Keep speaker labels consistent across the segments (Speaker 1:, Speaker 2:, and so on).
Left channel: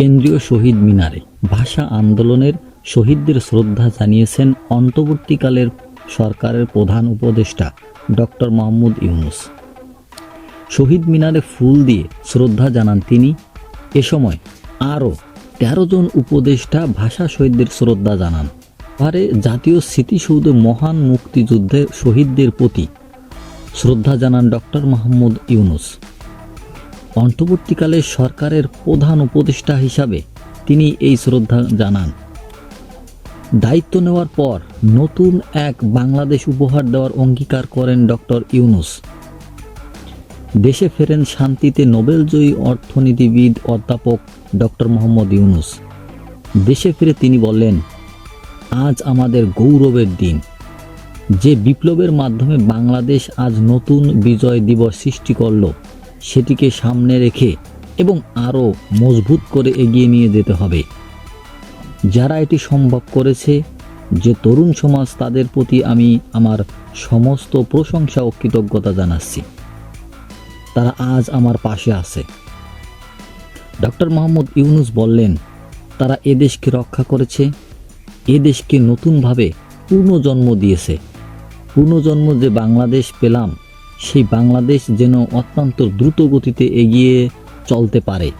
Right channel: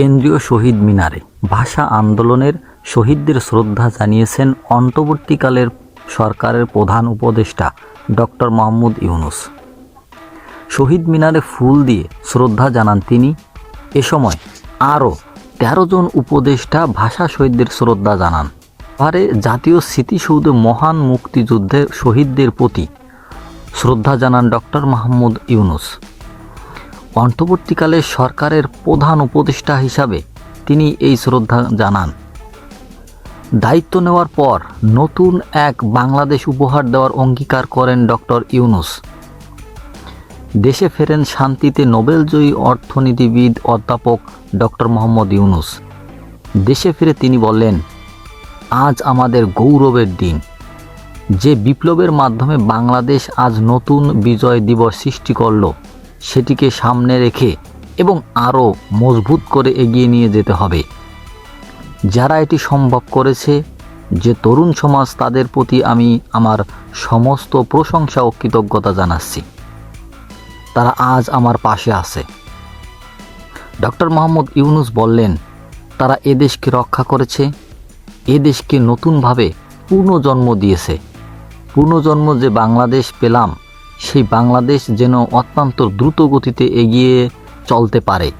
Speaker 1: কেন্দ্রীয় শহীদ মিনারে ভাষা আন্দোলনের শহীদদের শ্রদ্ধা জানিয়েছেন অন্তর্বর্তীকালের সরকারের প্রধান উপদেষ্টা ডক্টর মোহাম্মদ ইউনুস। শহীদ মিনারে ফুল দিয়ে শ্রদ্ধা জানান তিনি। এ সময় আরও তেরো জন উপদেষ্টা ভাষা শহীদদের শ্রদ্ধা জানান। পারে জাতীয় স্মৃতিসৌধে মহান মুক্তিযুদ্ধের শহীদদের প্রতি শ্রদ্ধা জানান ডক্টর মাহমুদ ইউনুস। অন্তর্বর্তীকালে সরকারের প্রধান উপদেষ্টা হিসাবে তিনি এই শ্রদ্ধা জানান। দায়িত্ব নেওয়ার পর নতুন এক বাংলাদেশ উপহার দেওয়ার অঙ্গীকার করেন ডক্টর ইউনুস। দেশে ফেরেন শান্তিতে নোবেলজয়ী অর্থনীতিবিদ অধ্যাপক ডক্টর মোহাম্মদ ইউনুস। দেশে ফিরে তিনি বললেন, আজ আমাদের গৌরবের দিন। যে বিপ্লবের মাধ্যমে বাংলাদেশ আজ নতুন বিজয় দিবস সৃষ্টি করল সেটিকে সামনে রেখে এবং আরও মজবুত করে এগিয়ে নিয়ে যেতে হবে। যারা এটি সম্ভব করেছে, যে তরুণ সমাজ তাদের প্রতি আমি আমার সমস্ত প্রশংসা ও কৃতজ্ঞতা জানাচ্ছি। তারা আজ আমার পাশে আছে। ডক্টর মোহাম্মদ ইউনুস বললেন, তারা এ দেশকে রক্ষা করেছে, এ দেশকে নতুনভাবে পুনর্জন্ম দিয়েছে। পুনর্জন্ম যে বাংলাদেশ পেলাম সেই বাংলাদেশ যেন অত্যন্ত দ্রুত গতিতে এগিয়ে চলতে পারে।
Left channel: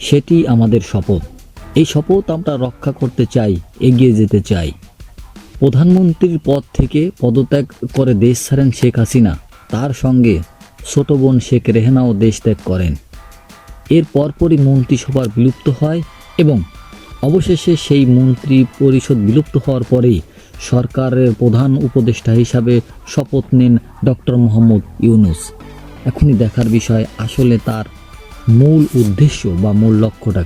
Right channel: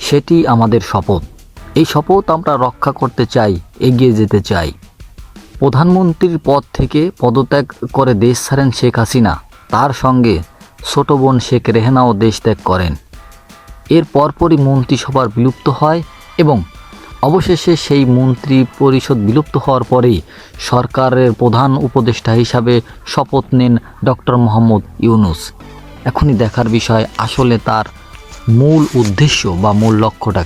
Speaker 1: সেটি আমাদের শপথ। এই শপথ আমরা রক্ষা করতে চাই, এগিয়ে যেতে চাই। প্রধানমন্ত্রীর পদ থেকে পদত্যাগ করে দেশ ছাড়েন শেখ হাসিনা। তার সঙ্গে ছোট বোন শেখ রেহানাও দেশ ত্যাগ করেন। এর পরপরই মন্ত্রিসভার বিলুপ্ত হয় এবং অবশেষে সেই মন্ত্রী পরিষদ বিলুপ্ত হওয়ার পরে সরকারের প্রধান উপদেষ্টা হিসাবে শপথ নেন ডক্টর মোহাম্মদ ইউনুস। এখনই দেখার বিষয় আসলে তার মূল উদ্দেশ্য বা মূল লক্ষ্যটা